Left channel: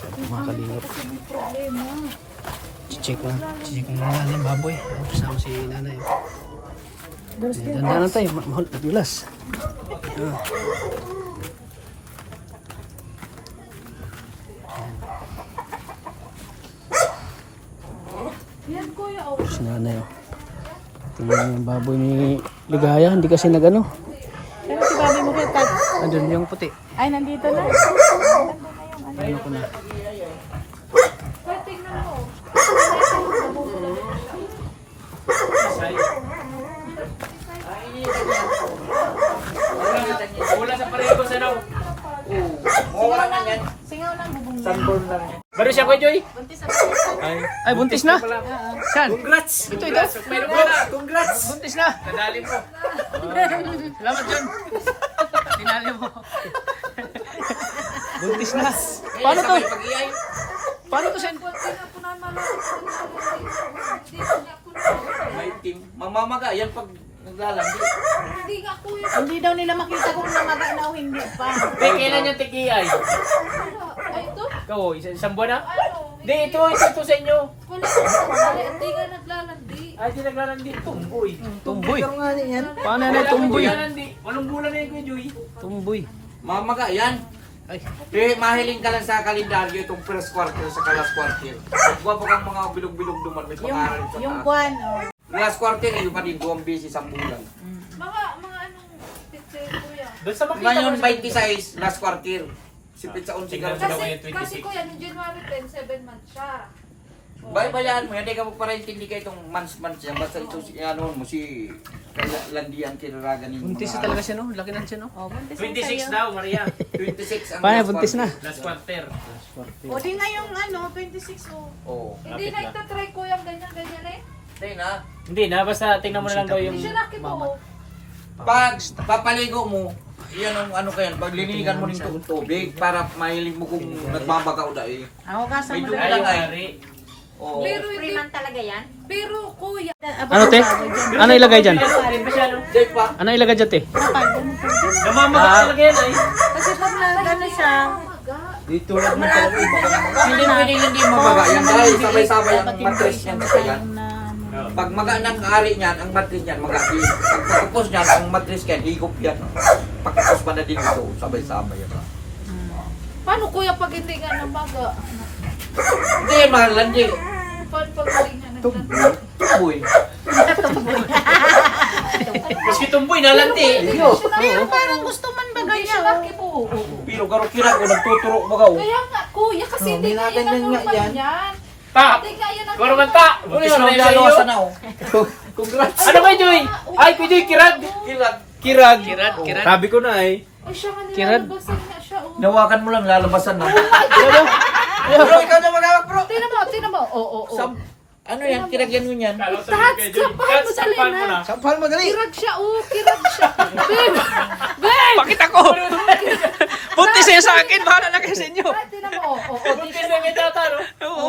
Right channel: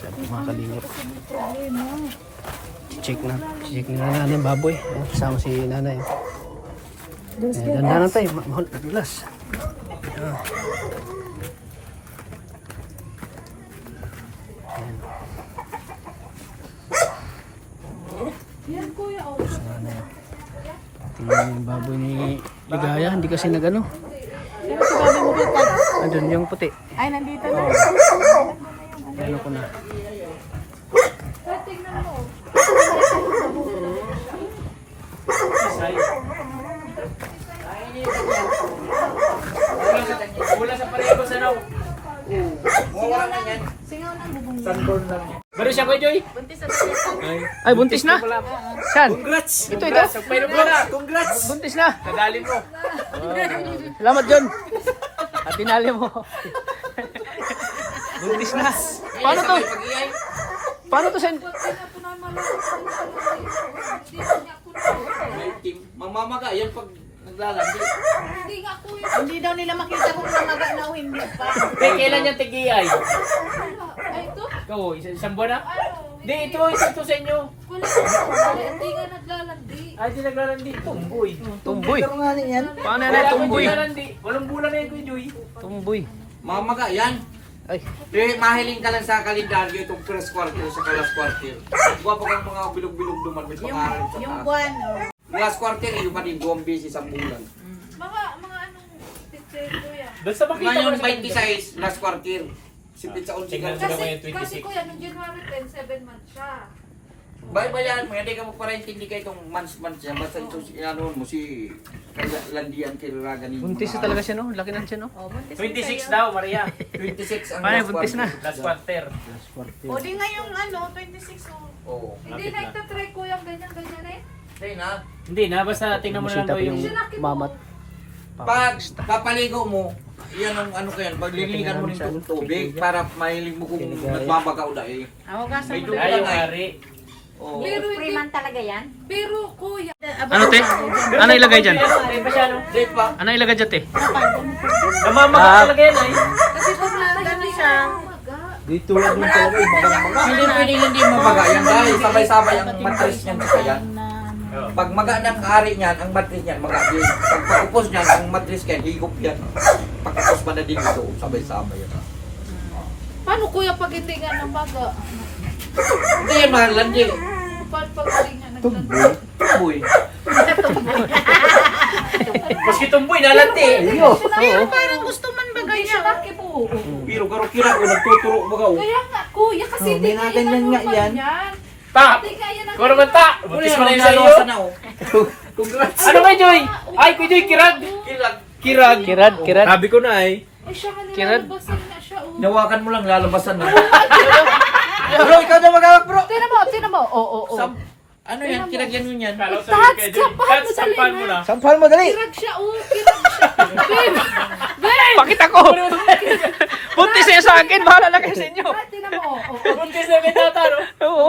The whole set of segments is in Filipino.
Sabi ko mga kalingap. Kasi may problema. Check na nanay yung baboy. Ayan, kasama si nanay. Dandanan tayo, mahal, madulas. Yan kuya, oh. Si nanay. Ito yung baboy ni Ligaya, hindi kasi nagano. Pero si baboy mo kuya, Andun yung puti. ay nandito na. Ano ko na. Pero tingnan mo. Wala sa pareho sa naw. Singaw ng, singaw ng bubong niya. Sunburn lang. Bari siya ko, Joy. Buntis na buntis. Ay, buntis na. Saan? Congrats! Ito. Congrats! Buntis na. Nadalin ko. Salamat, John. Tinali mo. Buntis na. Paano to? Paano to, Sen? May team. Mamamaga, yan pag naglalandi. Hindi nga kuya. Hindi daw nila makita kung namaga na o hindi pa. Kailan niya tigiyay? Ay, ito? Ikaw, isang buwan na? Di, ito sa inyo. Wala. Wala. Hindi nga naglalandi. Ay, di naglalandi. Tumboy. Tumboy. Paano na tumboy? Naglalandi. Walang bulan na yun, Joy. Tumboy. Mamaga, yan. Ay, Mahiling ka lang sa kalendaryo itong first quarter sa last quarter. Huwag pa kang mga bilog-bilog duman. May pangaral sa Yung taas. buwan, oh. Last quarter, yung pa din 2 beses ang bulan. Mga anong picture kuya? Doon sa makita yung 26, last quarter. Sipit sa 11 ka. Kasi kuya, nung January 10, 7 months siya. Bayaan mo, hindi ka mo para intindi ka itong months yan. Basta ito, ano mo, si Landian Kilraga ni. buntis na talaga siya, no? Laki na siya, no? Oh, buntis 26 daw, Maria. 26 ang Paano, last buntis na? quarter. Last quarter. O di nga yung 26 oh. Oo. Hindi na itatry ko yung ganyan-ganyan eh. Hindi na. Hindi na, basta tingnan mo na lang daw yung... Sinaki mo. Mamat. Pag papaligo mo, yan ang ano kaya, pagliligan mo ng tubig para mahilig mo kung nagmamagaw na eh. Ako ka sa May mga. dugo Ay, lang ay. pare. Oo. Pero hindi. Freeman talaga yan? Pero kuya. Ano, te? Ano ilagay dyan? Hindi pa siya, no? Date pa. Ano ilagay dyan, te? Namamaga talaga yan, ay. Kasi pag nagano siya. Dito lang din talaga yung hindi pwede hindi mo maga yan dahil sabay-sabay ang matris niyan sa yan. Pag maga ng ari niyan, ang matris niyan maga din. Pag pagkupos niyan, ang matris niyan higop yan. Pagkupos pa na din ito, sabay-sabay yan. Paano kuya pag hindi nga namaga? Hindi yan mga landi. Paano pag hindi nga naglandi? Tuboy. Maski tumboy, nalanti. Oo. Parang gusto man ba ganyan? Hindi siya laki po. Pero karo kira ko nagtuturo magaw. Kaya nga kuya kasi hindi nga yan ang normal yan. Ta! Hindi nga yan ang Kung naman ta! Ano Buntis yan, na ang yun sa iyo. lalosa na oh. Congrats. Ano ba, Joy? Ay, Kuya Joy, kirag! Kirag. Kirag! Kirad. Sabi ko na, eh. Ay siya nga Kirad. nilalabasan na siya. Oh. Nawakan mo lang lalabasan na. Bro, ikaw na magawak bro. Tinan mo. Oo. Ano yan? Kirag yan mo yan. Tats, sampahan mo dali Sampahan mo na. na. Sampal mo dali. Kirag siya, kirag siya. Babe! Pakita ko. Buntis na yan sa akin. Bahala na kayo sa inyo. Ay, tinan mo. Buntis na may tata, no? Oo.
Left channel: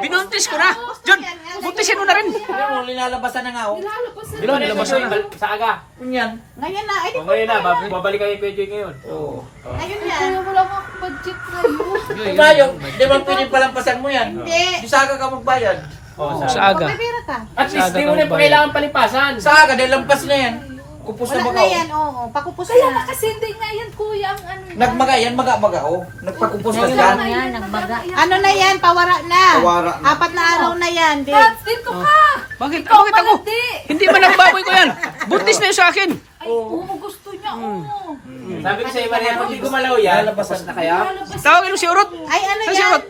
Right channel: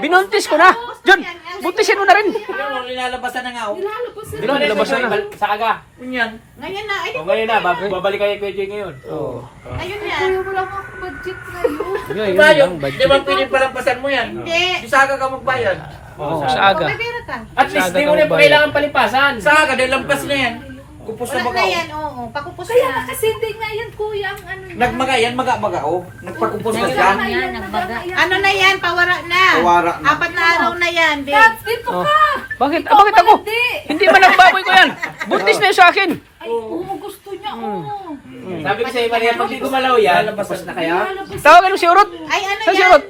Binuntis ko na. John, buntisin mo na rin. Tingnan mo, nilalabasan na nga oh. Nilalabas na. Bilang nilabasan na. Sa aga. Yun yan. Ngayon na. Ay, O, ngayon na, babalik kayo Kuya Joy ngayon. Oo. ngayon na. Kuya, wala nga budget ngayon. Yun, Tayo, lang, di budget. ba pwede palampasan mo yan? Hindi. Bisaga ka magbayad. O, Sa aga. Pera ka. At least, Sa aga di mo kang na bayad. kailangan palipasan. Sa aga, dahil lampas na yan. Kupos na bagaw. oo. Pakupos Kaya nga kasi hindi nga yan kuya ang ano yan. Nagmaga yan, maga-maga oh. Nagpakupos na Kaya siya. nga yan, nagbaga. Ano na yan? Pawara na. Kawara na. 4 na araw na yan. Tats, dito ka. Bakit? Ikaw Bakit ako? malandi. Hindi man nagbaboy ko yan. Buntis na yan sa akin. Ay, gusto niya. Sabi ko sa'yo, Maria, pag di gumalaw yan, Lalabasan na kaya? Nilalabas. Tawagin mo si Urot. Ay, ano Saan si yan? Urot?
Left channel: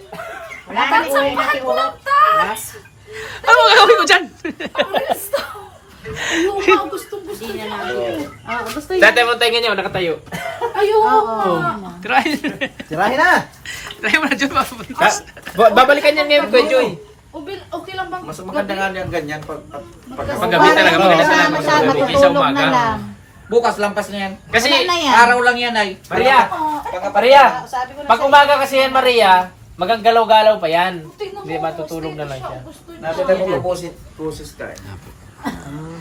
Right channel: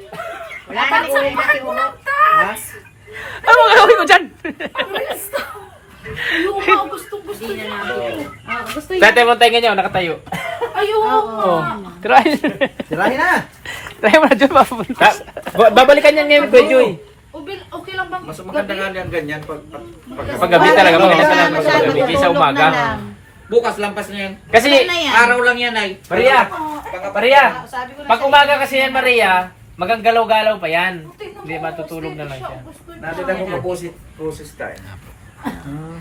Wala na Tats, sampahan mo lang, Tats. Ano ang gagawin ko dyan? Ang resto. Ayun nga, gusto niya. Gusto yan. Dati mo tayo nyo, nakatayo. Ayun. Oh. Try. Tirahin na! Try mo na dyan mabuntis. Babalikan yan ngayon, Kuya Joy. Okay lang bang Mas maganda nga yan ganyan pag Pag gabi talaga, Oo. magalas na lang Masyado, mag-gabi sa tutulog na umaga. lang. bukas lampas na yan. Kasi, Ano na yan? Araw lang yan ay. Maria, Maria, pag umaga kasi yan, Maria, magagalaw-galaw pa yan. Hindi, matutulog na lang siya. Nakita mo process, process ka eh.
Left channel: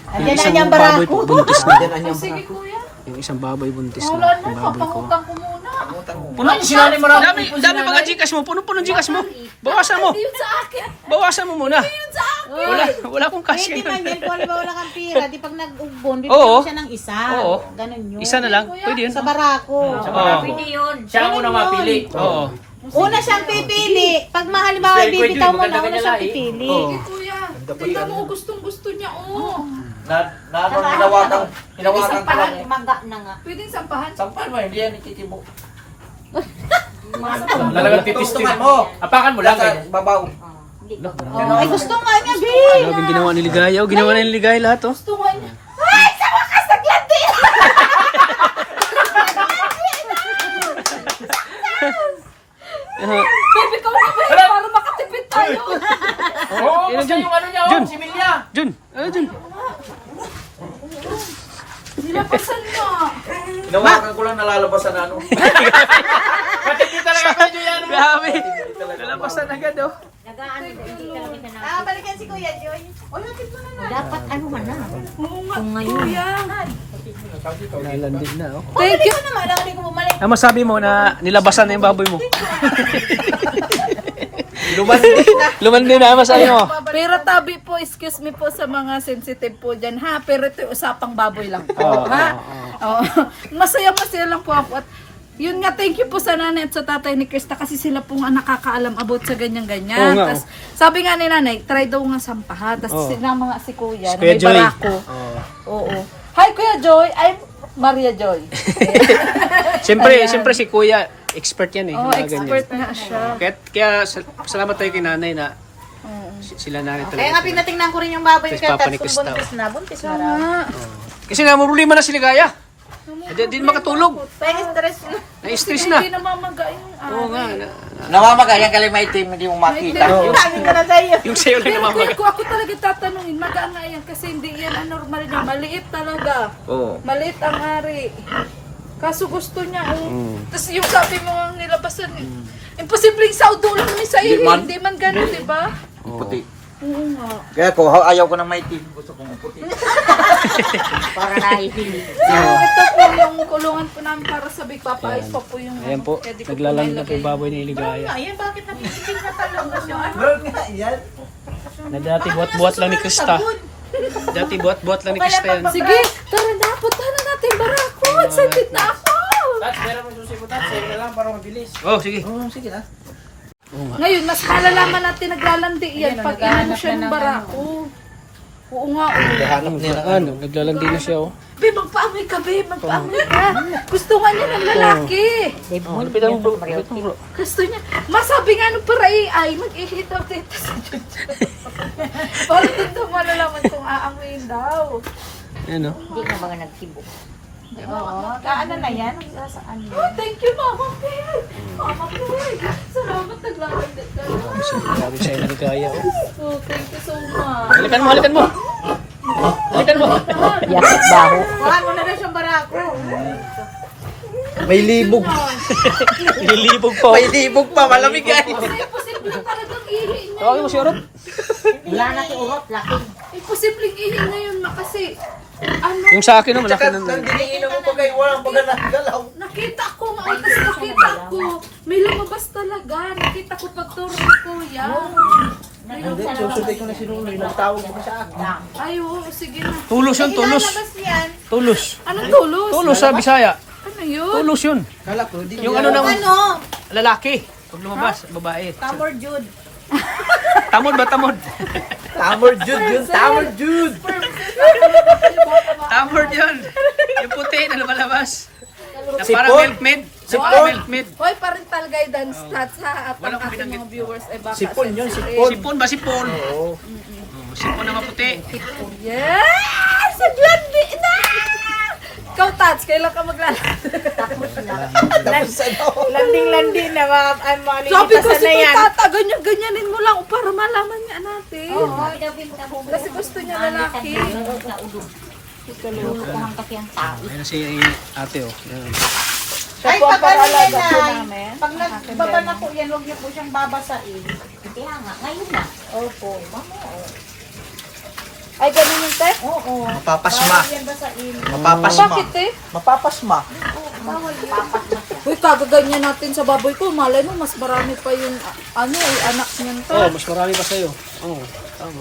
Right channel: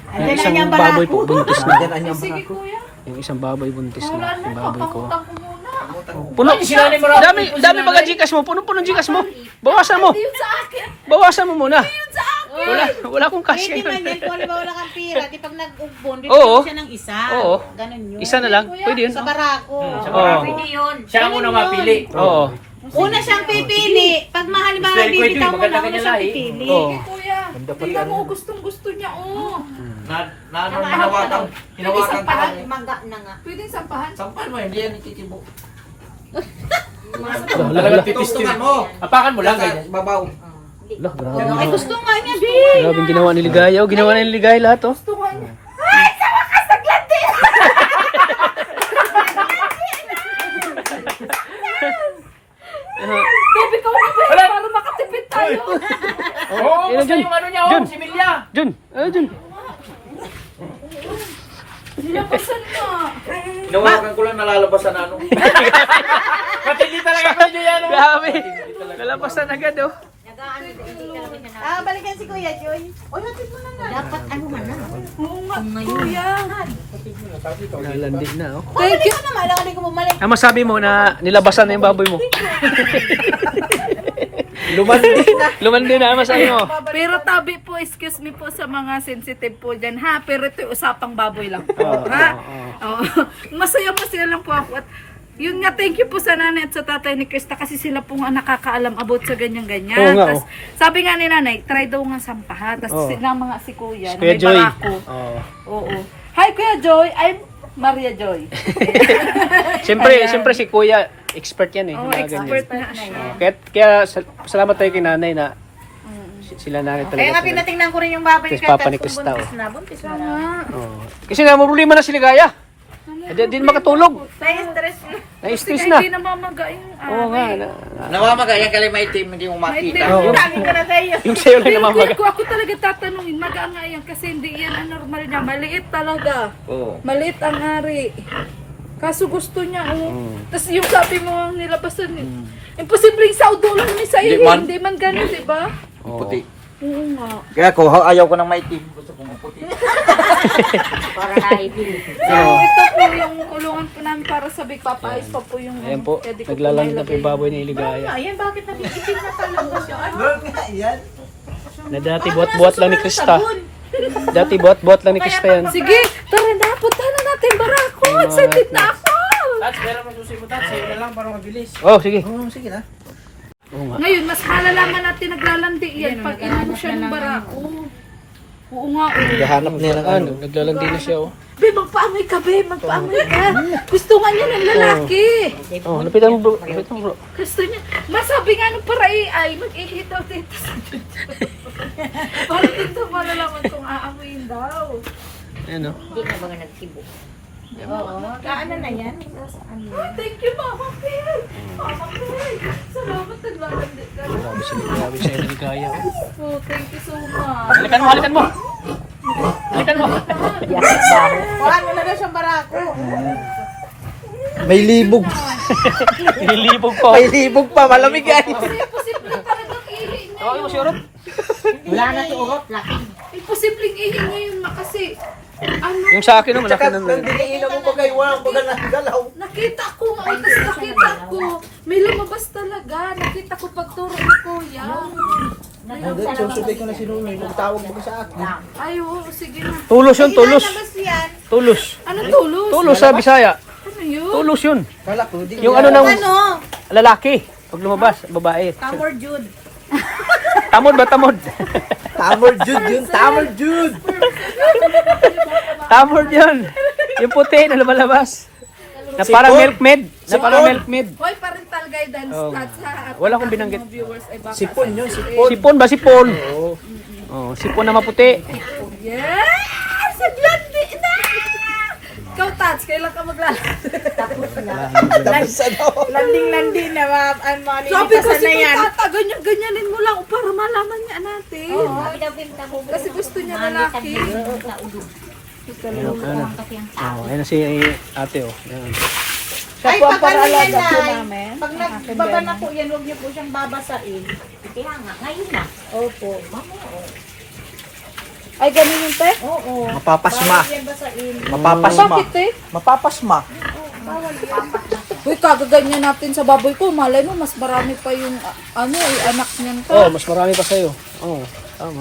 Ayan na Isang yung baboy barako. po, buntis na. Sige kuya. Yung isang baboy buntis na. Yung baboy ko. Pangutang ko muna. Puno. sinali mo raw. Dami baga Gcash mo. Puno-puno Gcash mo. Bawasan mo. Yun sa akin. Bawasan mo muna. Wala akong cash Pwede man ngayon. yan kung wala kang pira. Di pag nag-ugbon, di Oo. siya ng isa. Oo. Ganon yun. Isa na lang. Pwede yun. Sa barako. Oo. Siya ang unang mapili. Oo. Una siyang pipili. Pag halimbawa Very quick bibitaw yun, mo na, maganda una siyang ganyan na, pipili. Oo. Kuya, tingnan mo, gustong-gusto niya, oh. Hinawakan ko lang. Mangga na nga. Pwedeng sampahan. Sampal mo, hindi yan ititibo. Talagang titis Tutungan mo. Apakan mo lang. Sa babaw. Lah, grabe. Ay, gusto nga niya, babe. Grabe yung ginawa ni Ligaya. Oh, ginawa ni Ligaya lahat, oh. Gusto nga niya. Baby, ikaw na ba para makatipid tayo? Oh, yun, Jun. Yung ano niya, Jun. si Bilya. Jun. Jun. Nilabasan na. Hinawakan ko lang nalalabasan na ano. Matindi talaga ko yan. Grabe. Nalapasan agad, oh. Balikan si Kuya Joy. Dapat ano man na. Oo nga, kuya. Lalandi na, oh. Thank you. Ano naman, ako di ko bumalik. Ang masabi mo na nilabasan na yung baboy mo. Lumandi na, ang masabi mo. Pero tabi po, excuse me po sa mga sensitive po dyan, ha? Pero ito usapang baboy lang po, Oo, ha? oo, Oo. Masaya lang po ako. At yun nga, thank you po sa nanay at sa tatay ni Krista kasi sila po nga nakakaalam about sa ganyan-ganyan. Oo nga, Tas, sabi nga ni nanay, try daw nga sampahan. Tapos Oo. sinama nga si kuya, na Kuya may Joy. barako. Oo. Oo. Hi, Kuya Joy. I'm Maria Joy. Siyempre si Kuya, expert yan eh. Oh, mga ganyan. expert nga siya. Kaya salamat tayo kay nanay na sila nanay talaga. Kaya nga tinatingnan ko rin yung baboy Tapos kaya Papa ni tapos Krista, buntis na. Buntis na raw. Oo. Kasi nga, problema na si Ligaya. Hindi makatulog. Kaya stress. Na-stress na. Hindi namamaga yung Oo nga. Namamaga yan kalay maitim, hindi mo makita. Sabi ko na sa'yo. Yung sa'yo lang Pero namamaga. kung ako talaga tatanungin, maga nga yan kasi hindi yan ang normal niya. Maliit talaga. Oo. Maliit ang ari. Kaso gusto niya, Tapos yung sabi mo nilabasan eh. Imposible sa udulan ni sa iyo. Hindi man ganun, di ba? Puti. Oo nga. Kaya ko, ayaw ko ng maitim. Gusto ko maputi. Para nakahihili. So, ito po yung kulungan po namin para sa Big Papa. Ayos pa po yung... Ayan po, pwede ko naglalang po na kay baboy ni Ligaya. Ayan, bakit napipitin niya talaga siya? Na dati buhat-buhat lang ni Krista. Dati buhat-buhat lang ni Krista yan. Sige, tara na, punta na natin barako. Excited na ako. Tats, meron mo susi mo, Tats. Sa'yo na lang para mabilis. Oh, sige. Sige na. Oo nga. Ngayon, mas malalaman natin naglalandi yan pag inano siya ng barako. Oo nga, Naglalandi na siya, oh. Be, magpaamay ka, be. Magpaamay ka. Gusto nga niya ng lalaki. Oh, lapitan mo bro. Lapitan mo bro. Gusto niya. Masabi nga nung para AI, mag-ihitaw dito sa para doon daw malalaman kung aamoyin daw. Ayan, oh. Hindi na mga nagtibo. Oo. Kaano na yan? Saan yun? Oh, thank you, Mama Bear. Mama Bear. Salamat, naglalandi ka. Grabe siya yung Ligaya, oh. Oh, thank you so much. Halikan mo, halikan mo. Halikan mo. Kuha ko na rin siyang barako. May libog. Nililibog pa, oh. May libog pa, malamig yan. Kasi imposible talagang ihi niya. Tawagin mo si Urot. Wala na to urot. Laki. Imposibleng ihi ngayon kasi ano, Yung sa akin, oh, malaki na. Diniinom mo kay walang pagalaw. nakita ko nga, tapos nakita ko, may lumabas talaga. Nakita ko pagturo ni Kuya. Susunod ko na sinunoy, nagtawag mo sa akin. Ay, oo, sige na. Tulos yun, tulos. Labas yan. Tulos. Anong tulos? Tulos sa Bisaya. Ano yun? Tulos yun. Kala ko, hindi. Yung ano ng Ano? lalaki. Pag lumabas, babae. Tamor Jude. Tamod ba tamod? Tamor Jude yun, Tamor Jude. Tamod yun. Yung puti na lumalabas. Na parang milkmaid. Na parang milkmaid. Hoy, parental guidance lahat sa at Wala akong ang binanggit. mga viewers ay baka Sipon yun, sensitive. sipon. Sipon ba sipon? Oh, sipon na maputi. Yes! Naglandi na! Ikaw, Tats, kailan ka maglalandi? Landing-landi na mga Sabi ko malilipasan si na yan. Tata, ganyan-ganyanin mo lang para malaman niya natin. Kasi gusto niya lalaki. Oh, ayun na si ate, oh. Yan. Ay, pag ano yan ay, pag nagbaba na po yan, huwag niyo po siyang babasain. Kaya nga, ngayon na. Opo. Ay, ganun yung te? Oo. Mapapasma. Yan basain. Mapapasma. Bakit te? Mapapasma. Bawal yan. Uy, kagaganyan natin sa baboy ko. Malay mo, mas marami pa yung anak niyan Oh, pa. mas marami pa sa'yo. Oo.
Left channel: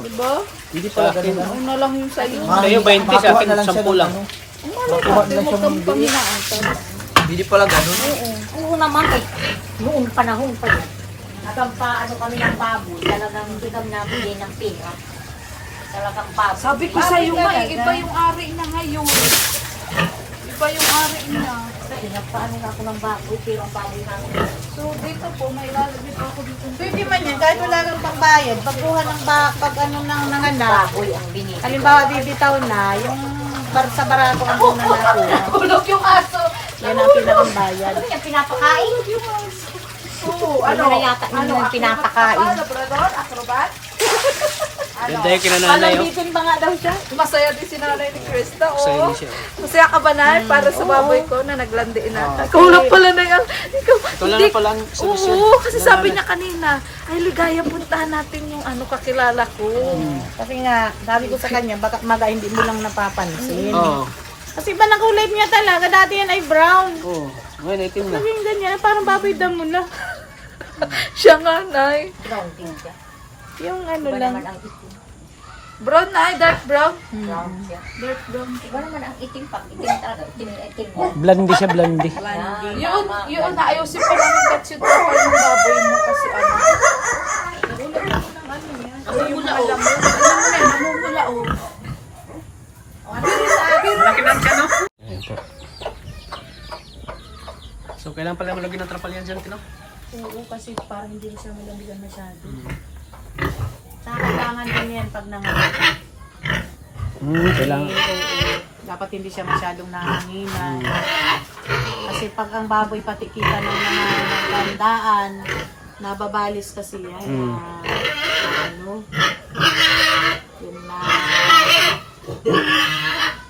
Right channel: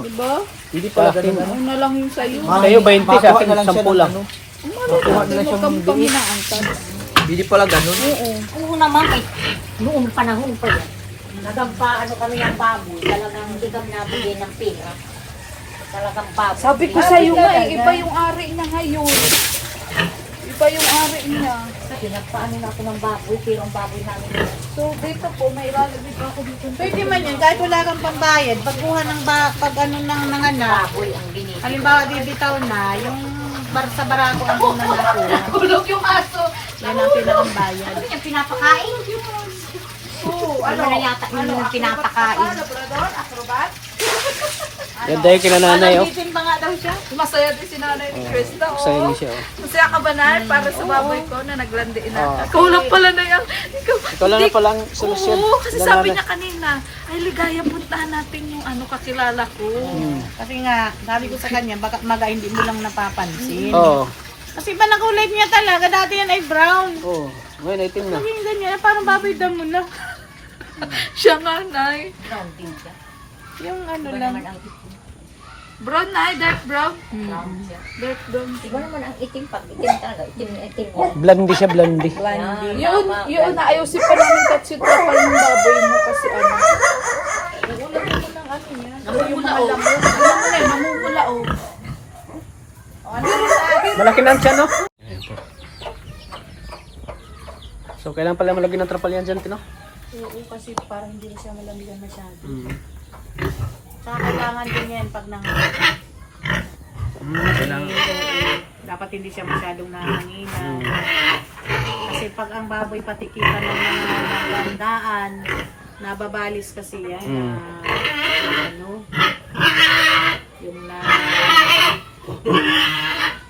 Diba? Hindi pala ganun. Una lang yung sa'yo. Sa'yo 20, sa akin 10 lang. Malay mo kang panghinaan ka. Hindi pala ganun. Oo naman eh. Noong panahon pa yan. Nagampa ano kami ng baboy. Talagang hindi kami nabigay ng pera. Talagang baboy. Sabi ko sa'yo nga, iba yung ari na ngayon. Iba yung ari niya. Kasi nagpaano na ako ng baboy. Pero ang baboy namin. So, dito po, may ilalagay ako dito. Pwede man yan. Kahit wala kang pambayad. Pagkuha ng pag ano ng mga anak. Baboy ang binili. Halimbawa bibitaw na. Yung sa barako ang unang nakuha. Kulog yung aso. Yan ang pinakang-bayad. Ano yung pinapakain? So, Ano na yata yung pinapakain? Ganda yung kinananay, oh. Bitin pa nga daw siya. Masaya din si nanay ni Krista. Sa'yo Oh. din siya, oh. Masaya ka ba na para sa baboy ko na naglandiin na? Kulog pala na yan. Ikaw lang na palang solusyon. Oo, kasi Wala sabi na. niya kanina, ay ligaya, puntahan natin yung kakilala ko. Kasi nga, sabi ko sa kanya, baka maga hindi mo lang napapansin. Oo. Kasi ba na kulay niya talaga, dati yan ay brown. Oo. Ngayon, itim na. Yung ganyan, parang baboy damo na. Siya nga, nay. Brown din siya. Yung ano Iba lang. naman ang itim. Brown, nay, dark brown. Brown siya. Dark brown. Iba naman ang itim pag itim talaga. Itim na itim. Blondie siya, blondie. Yun, ayusin pa namin katsit pa yung baboy mo kasi ano. Mamumula, oh. Mamumula, oh. Malaki na ang tiyan, no? Ayan po. So, kailangan pala malagyan ng trapal yan dyan, Tino? Oo, kasi parang hindi siya malambigan masyado. Sa kailangan din yan pag nanganganak. Kailangan. Dapat hindi siya masyadong nanganginan. Kasi pag ang baboy patikitan ng mga bandaan, nababalis kasi yan. Ano? Yun na.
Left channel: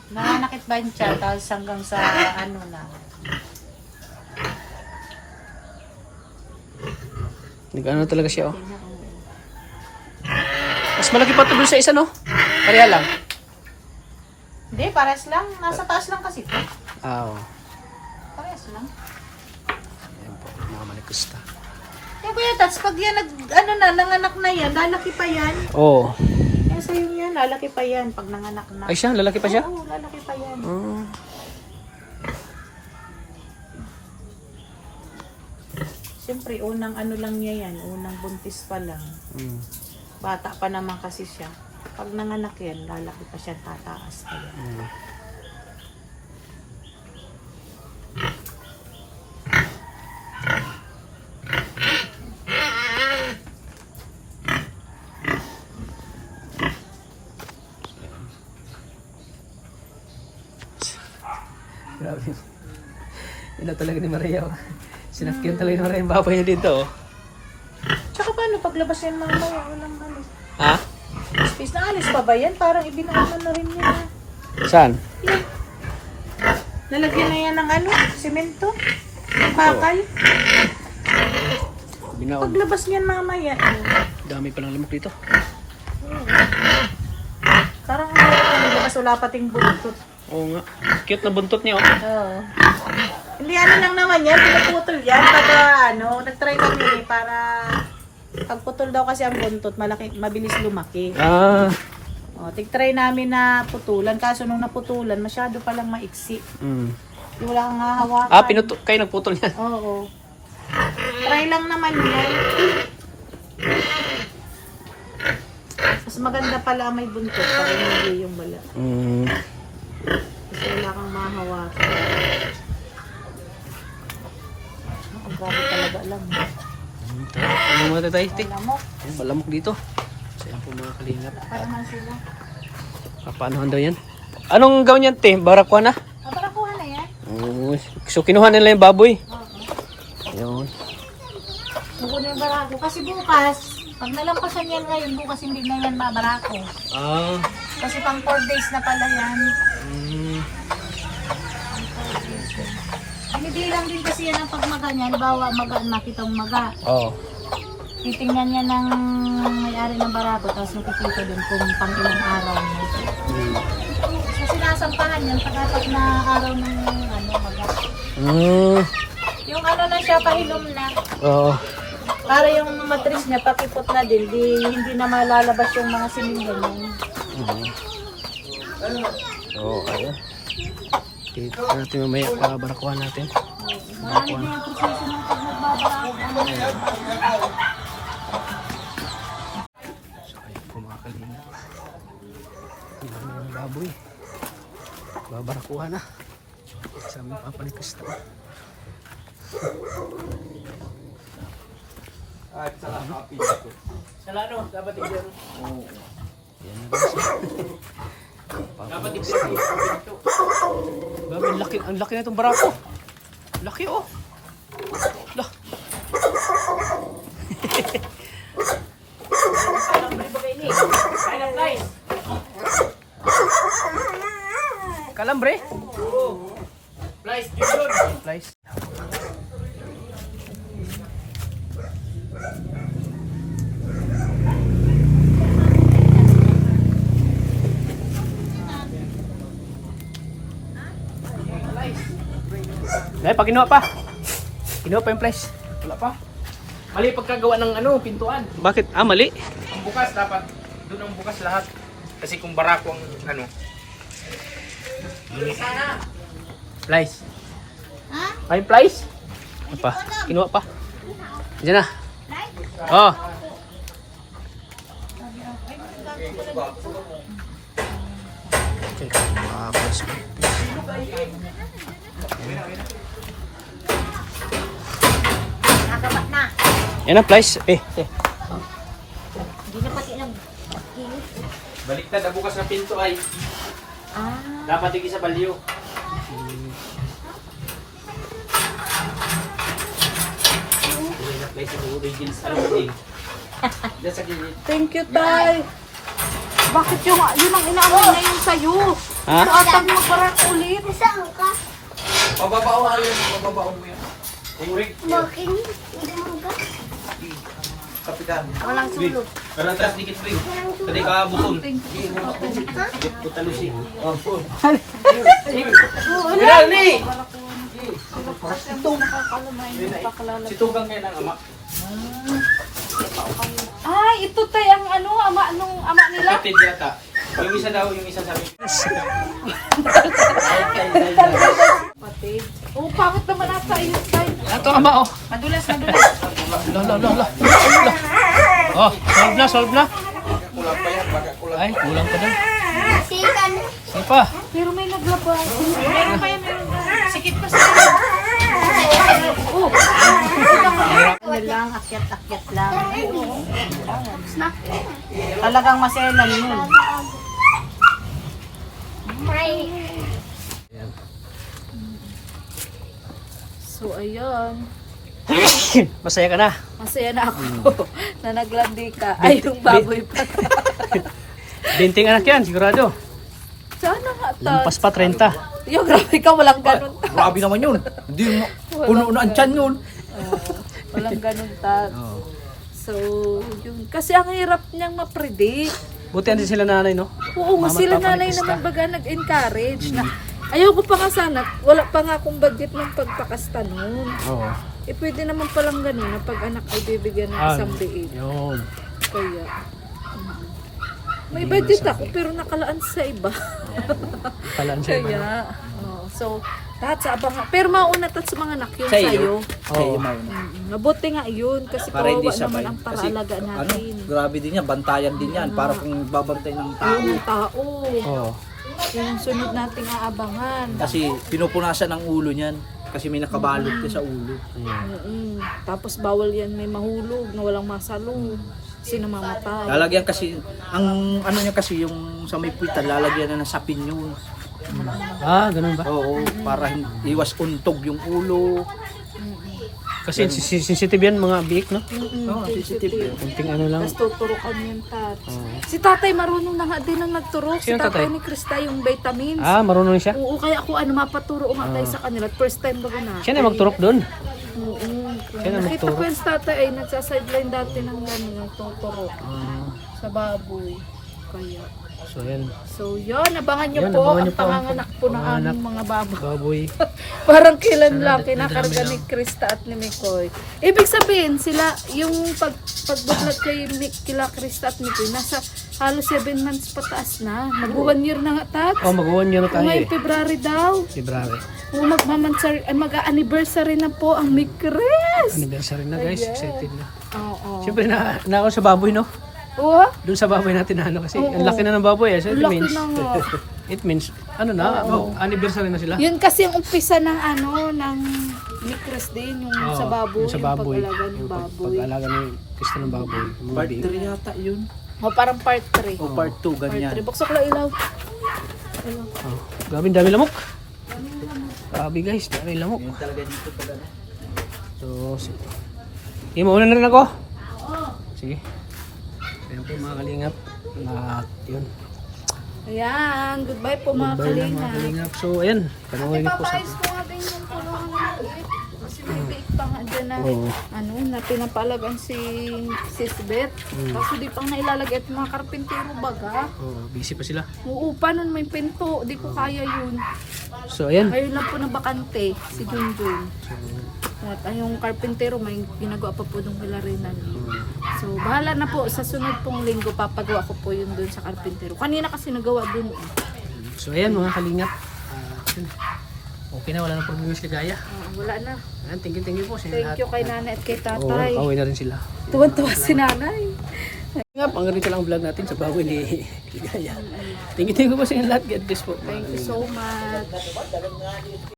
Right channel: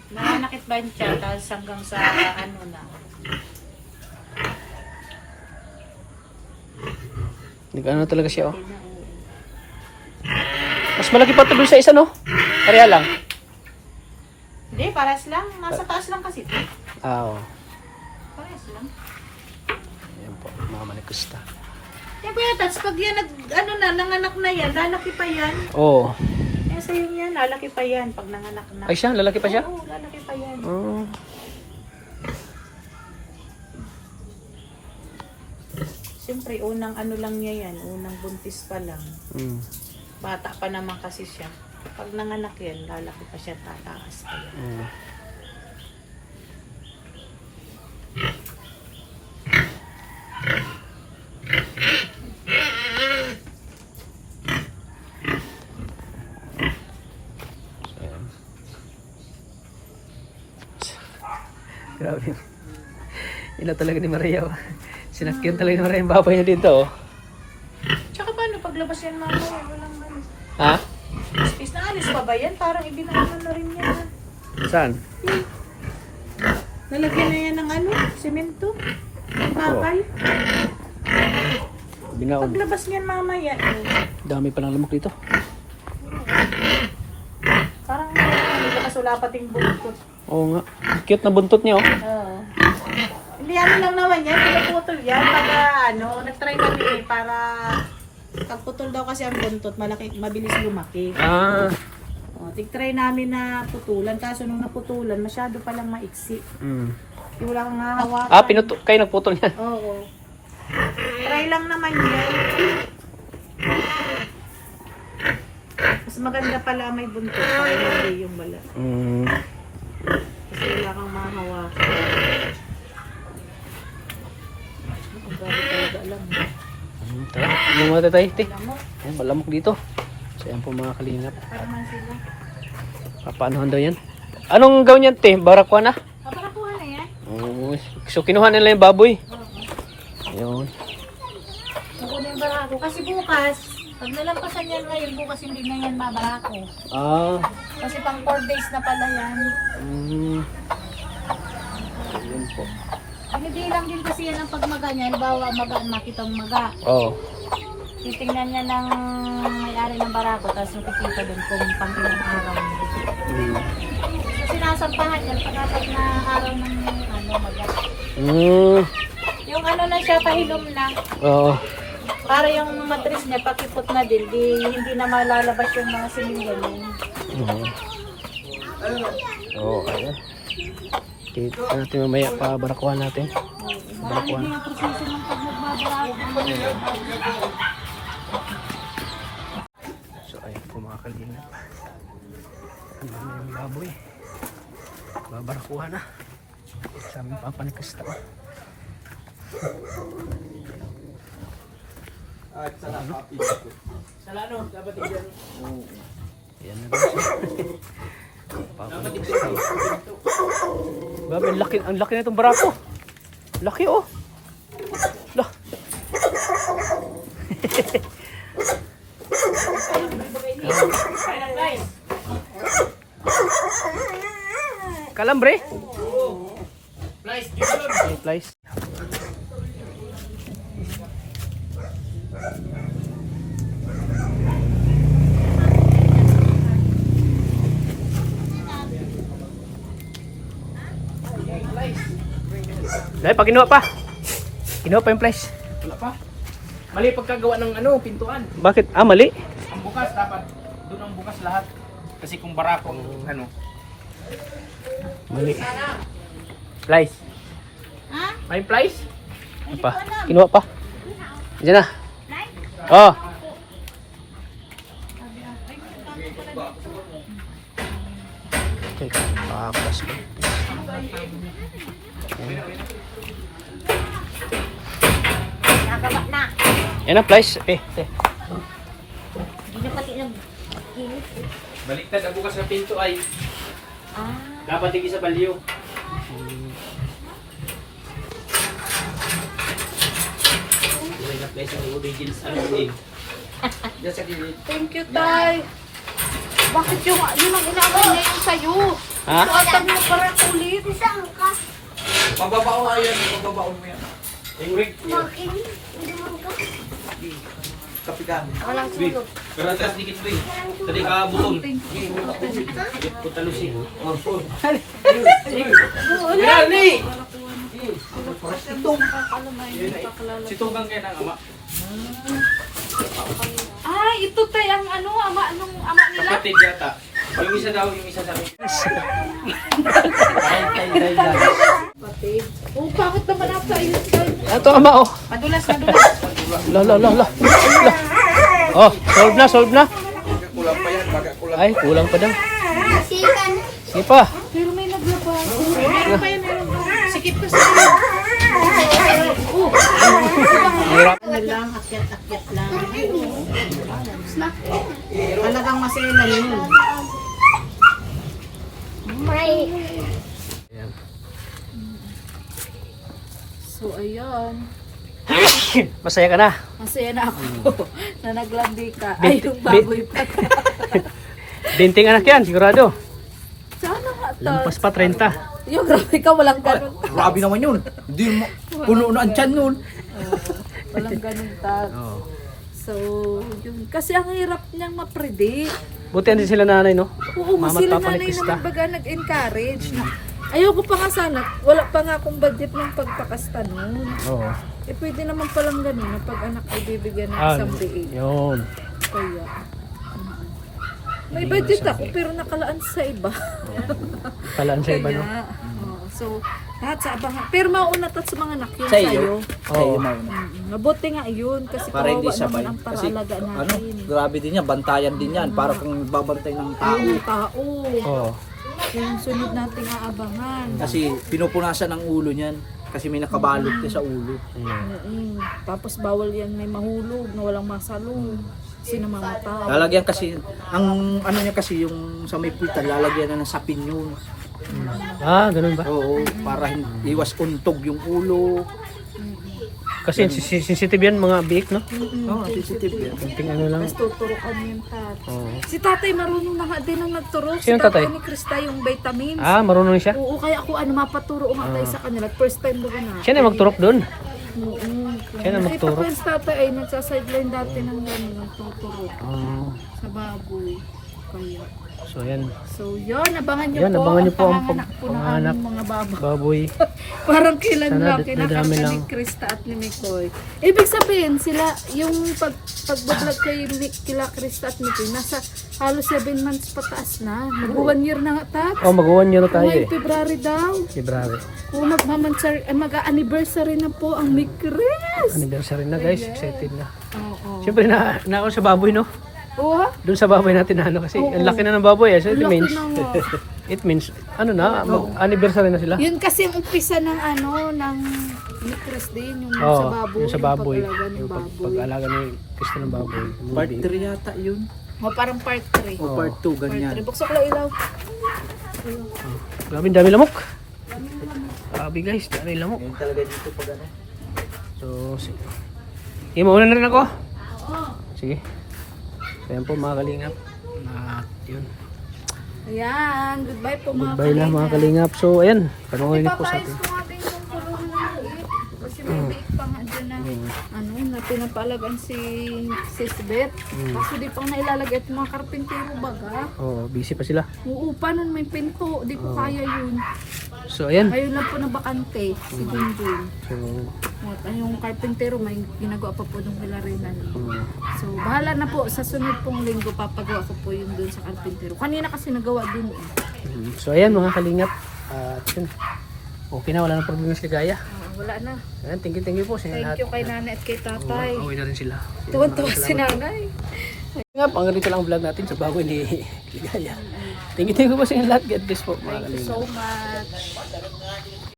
Nanganakit ba siya? Tapos hanggang sa ano na. Nag-ano talaga siya, oh. Mas malaki pa ito dun sa isa, no? Pareha lang. Hindi, pares lang. Nasa taas lang kasi ito. Oo. Pares lang. Ayan po, mga manikusta. Eh, kuya, Tats, pag yan, nanganak na yan, lalaki pa yan. Oo. Kasi yung yan, lalaki pa yan pag nanganak na. Ay siya, lalaki pa siya? Oo, lalaki pa yan. Siyempre, unang ano lang niya yan, unang buntis pa lang. Bata pa naman kasi siya. Pag nanganak yan, lalaki pa siya, tataas pa yan. Grabe. Ina talaga ni Maria, oh. Sinakyan talaga ni Maria yung baboy niya dito, oh. Tsaka paano paglabas yan mamaya, walang alis. Ha? Space na alis pa ba yan? Parang ibinaman na rin yan. Saan? Lalagyan na yan ng ano, simento. Bakal. Binaon. Paglabas niyan mamaya. Dami palang lamok dito. Parang ano, wala pating buntot. Oo nga. Cute na buntot niya, oh. Oo. Hindi ano lang naman yan, pinaputol yan. Para ano, nag-try kami para pagputol daw kasi ang buntot, malaki, mabilis lumaki. Ah. O, tig-try namin na putulan. Kaso nung naputulan, masyado palang maiksi. Wala kang hahawakan. Ah, kayo nagputol niyan. Oo. Try lang naman yun. Mas maganda pala may buntot para hindi yung bala. Kasi wala kang mahawakan. Ang gano'n talaga lang. Tara, ano muna tayo, te? Ayan, malamok dito. So, ayan po mga kalingap. Tama sila. Papaanohan daw yan? Anong gawin yan, te? Barakwa na? Paparakuha na yan. Oo. So, kinuha nila yung baboy. Ayun. Kukunin yung barako. Kasi bukas, pag nalampasan yan ngayon, bukas hindi na yan babarako. Ah. Kasi pang 4 days na pala yan. Ayun po. Binibilang din kasi yan ang pagmaga niya. Halimbawa, maga, nakitang maga. Oo. titingnan niya ng may-ari ng barako, tapos nakikita dun kung pang ilang araw niya. Kasi nasampahan niya, pag na araw ng yung ano na siya, pahilom na. Oo. Para yung matris niya, papipot na din, hindi na malalabas yung mga silingan niya. Oo, ayun. Dito natin mamaya pa barakuhan natin. Barakuhan. So ayun po mga kalingap. Ang dami ng baboy. Babarakuhan na. Sa aming papanikas na. Salano, dapat tigyan. Yan na rin siya. Papanikas na. Babe, ang laki na itong barako. Laki oh. Lah. Kalambre? Flies, yun. Flies. Dahil pag kinuha pa. Kinuha pa yung flies. Wala pa. Mali pagkagawa ng ano, pintuan. Bakit? Ah, mali. Ang bukas dapat, doon ang bukas lahat. Kasi kung barakong ano. Mali. Flies. Ay, flies? Ano pa? Kinuha pa. Diyan na. Oh. Okay. Plus. Yan ang flies. Baliktad ang bukas ng pinto ay dapat tigil sa balyo. Kulay na flies yung origins. Anong uling? Diyan sa gilid. Thank you, Tay. Bakit yun ang inaaway na yun sa'yo? Ha? Tatang mo para ulit. Pababao nga yun, pababao mo yan. Yung rig. Kapikan. Karatas dikit rin. Tadi ka butol. Dikit po talusig. Yan ni! Si Tugang kayo ng ama. Ay, ito Tay ang ano, ama nila. Kapatid yata. Yung isa daw, yung isa sabi. Oh, pangit naman ata yun, Tay. Ito ama oh. Madulas. La. Oh, solve na. Kulang pa yan, baga kulang. Ay, kulang pa daw. Sige pa. Pero may naglabas. Meron pa yan, meron pa. Sikip ko sa kanya. Ano lang, akyat lang. Talagang maselan yun. So, ayan. Masaya ka na. Masaya na ako na naglandi ka. Ay, yung baboy pa. Binting anak yan, sigurado. Sana nga, Tay. Lampas pa 30. Yo, grabe ka, walang ganun. Grabe naman yun. Hindi mo, puno na ang tiyan yun. Walang ganun, Tat. So, yun. Kasi ang hirap niyang ma-predict. Buti hindi sila nanay, no? Oo, Mama at sila Papa nanay Nikista. naman baga nag-encourage na ayoko pa nga sana, wala pa nga akong budget ng pagpakasta noon. Oo. Eh pwede naman palang ganun na pag anak ay bibigyan ng isang liig. Yun. Kaya, may budget ako pero nakalaan sa iba. Kalaan sa iba, no? Kaya, so, lahat sa abangan. Pero mauna tat sa mga anak yun Sa iyo? sa'yo. Oo. Mabuti nga yun kasi Para hindi kawawa naman sabay. ang Kasi paraalaga ano, natin. grabe din yan, bantayan din yan. Para kung babantay ng tao. Yung tao. Oo. Yung sunod nating aabangan. Kasi pinupunasan ang ulo niyan. Kasi may nakabalot ka sa ulo. Tapos bawal yan may mahulog na walang masalong. Kasi namamatay. Lalagyan kasi, ang ano niya kasi yung sa may puwitan, lalagyan na ng sapin yun. Ah, ganun ba? Oo, para iwas untog yung ulo. Kasi sensitive yan mga biik, no? Oo, sensitive yun. Kunting ano lang. Tapos tuturukan yung tat. Oo. Si tatay marunong na nga din ang nagturo. Sino si tatay? ni Krista yung vitamins. Ah, marunong siya? Oo, kaya ako mapaturo nga tayo sa kanila. First time baga na. Siya na magturok doon. Oo. Kailan Nakita magturo? ko yung tatay ay nagsasideline dati ng gano'n, tuturo sa baboy. Kaya. So ayan, So yun, abangan nyo Yan, po abangan ang nyo po ang panganganak po ng panganganak. aming mga baboy. baboy. Parang kailan Sana lang dadami kinakarga lang. ni Krista at ni Mikoy. Ibig sabihin, sila, yung pagbablog kay kila Krista at Mikoy, nasa halos 7 months pataas na. Mag-1 year na nga, Tats. Oh, mag-1 year na tayo Ngayong eh. February daw. February. Kung mag-anniversary na po ang Mikres. Anniversary na guys, excited na. Oo. Siyempre na ako sa baboy, no? Oo. Doon sa baboy natin na ano kasi Oo. ang laki na ng baboy eh. So it Laki means, na nga. it means, ano na, anniversary na sila. Yun kasi ang umpisa ng ng Mikres din, yung Oo, sa baboy. yung sa baboy. Yung pag-alaga ng baboy. Pag-alaga ni Krista ng baboy. Part Movie. 3 yata yun. O parang part 3. O part 2, Part ganyan. 3. Buksan ko lang ilaw. Oh, grabe, dami lamok. Grabe guys, dami lamok. Yun talaga dito pag ano. So, mauna na rin ako. Sige. So, yan po mga kalingap. Na, yun. Ayan, goodbye po mga Goodbye na mga kalingap. So, ayan. Panoorin niyo po sa atin. Oo. Na pinapalagan si Sisbet. Kaso di pang nailalagay at mga karpintero baga. Oh, busy pa sila. Oo, paano may pinto? Di ko kaya yun. So, ayan. Ayun lang po na bakante, si Junjun. So, At yung karpintero, may ginagawa pa po nung pilarinan. So, bahala na po. Sa sunod pong linggo, papagawa ko po yun dun sa karpintero. Kanina kasi nagawa dun eh. so ayan mga kalingap. Yun. Okay na, wala na problema si Gaya. Wala na. Ayan, thank you po sa inyo lahat. Thank you kay nanay at kay Oo, tatay. away na rin sila. Tuwan-tuwa si nanay. Nga, pang ganito lang ang vlog natin sa baboy ni Ligaya. Thank you po sa inyo lahat. God bless po. mga Thank you kalingap. so much.